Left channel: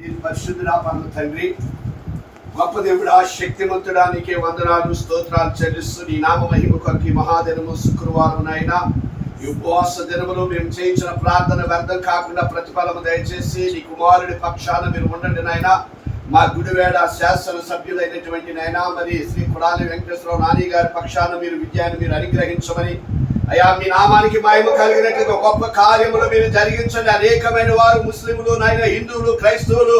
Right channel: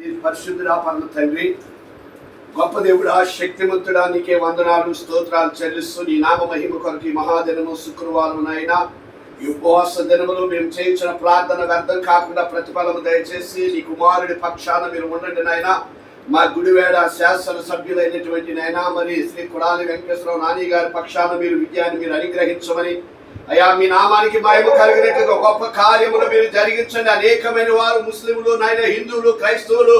నేను పరిశుద్ధుడా పరమ తండ్రి, గొప్ప దేవుడా, శక్తిమంతుడా, నీకే వందనాలు స్తోత్రాలు చెల్లిస్తూ నీ నామ మహిమ కొరకు ఈ మహాదినము శుక్రవారం నాయన ఈ ఉపవాస దినములు మేము చేయించిన ప్రార్థన వ్యర్థం కాకుండా ప్రతిఫలము దయచేసి నీ కుమారుడి పక్షాన మీరు ఉండండి నాయన. మా గుడివేడ శాసన సభ్యులైనటువంటి నాయన మరి శ్రీ కొడాలి వెంకటేశ్వరరావు నాని గారి పక్షాన మీరు విద్యాన్ని మీరు అనుగ్రహించమని, అయ్యా మీ నామానికి మహిమ కలిగినట్లుగా గొప్ప కార్యములు మీరు జరిగించండి. అనేకమైన వారు ముస్లింలు నాయన, హిందువులు, క్రైస్తవులు,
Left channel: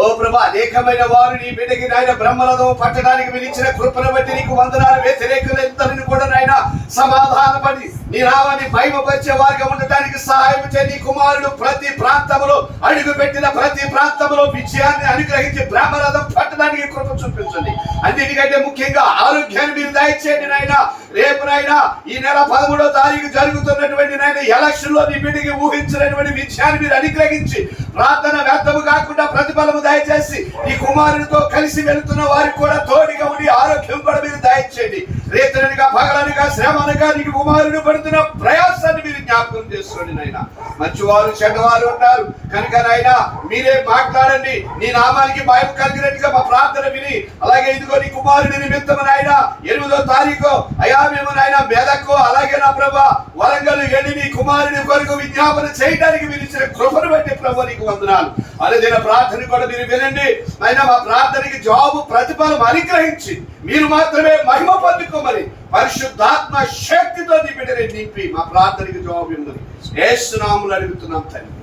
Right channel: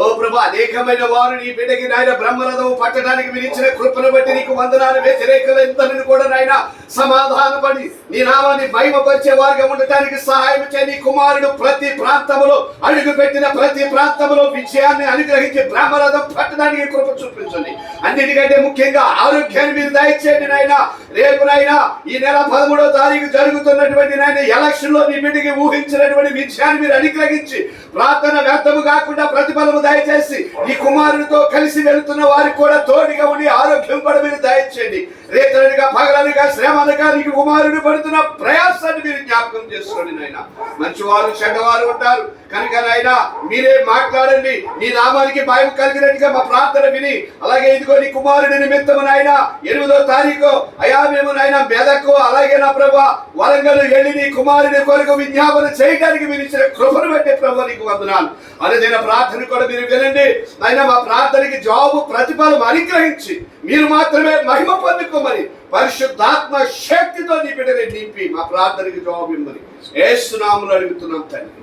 ఓ ప్రభా, అనేకమైన వారు నీ బిడ్డకి నాయన బ్రహ్మరథం పట్టడానికి మీరు ఇచ్చిన కృపను బట్టి నీకు వందనాలు. వ్యతిరేకులందరిని కూడా నాయన సమాధానపడి నీ నామాన్ని మహిమపరిచే వారిగా ఉండటానికి సహాయం చేయ. నీ కుమారుడు ప్రతి ప్రాంతంలో అడుగు పెట్టిన ప్రతి ప్రాంతంలో విజయాన్ని అనుగ్రహించి బ్రహ్మరథం పట్టడానికి కృప చూపించండి. అన్నిటికంటే ముఖ్యంగా ఆరోగ్యాన్ని మీరు దయచేయండి నాయన. రేపు నాయన ఈ నెల 13వ తారీఖు జరుగుతున్నటువంటి నాయన ఎలక్షన్ లో నీ బిడ్డకి ఊహించినటువంటి విజయాన్ని మీరు అనుగ్రహించి ప్రార్థన వ్యర్థము కాకుండా ప్రతిఫలము దయచేసి నీ కుమారుడితో కలిసి వెళుతున్న వారికి కూడా తోడుగా ఉండి ఆరోగ్యం కూడా మీరు దయచేయండి. రేతనగా పగలనుగా శ్రమలుగా నీ కుమారుడు పడుతున్న ప్రయాసాన్ని మీరు జ్ఞాపకం చేసుకోండి నాయన. మంచివారు చెడ్డవారు ఉంటారు కనుక నాయన మీరే మాట్లాడండి. నీ నామానికి భయం కలిగినట్టుగా మా ప్రార్థన విని, అలాగే ఇదిగో నీ కుమారుడి నిమిత్తము నాయన 8వ తారీఖు అయా మేము నాయన మెదకు అలాగే నా ప్రభా వరంగల్ వెళ్ళి నీ కుమారుని కొరకు విజ్ఞాపన చేయడానికి మీరు ఇచ్చిన కృపను బట్టి ప్రభు నీకు వందనాలు. అనుదిన ప్రార్థన కూడా మీరు వినండి నాయన. మా ప్రార్థనకి జవాబు ప్రతిఫలం అనుగ్రహించి మీరు మాత్రమే మహిమ పొందుకోమని పరిశుద్ధాత్మ శక్తితో నీ బిడ్డని నింపి మా ప్రార్థనకి జవాబు ఇమ్మని యేసు నామములో అడుగుతున్నాం తండ్రి.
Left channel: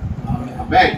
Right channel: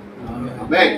ఆమేన్.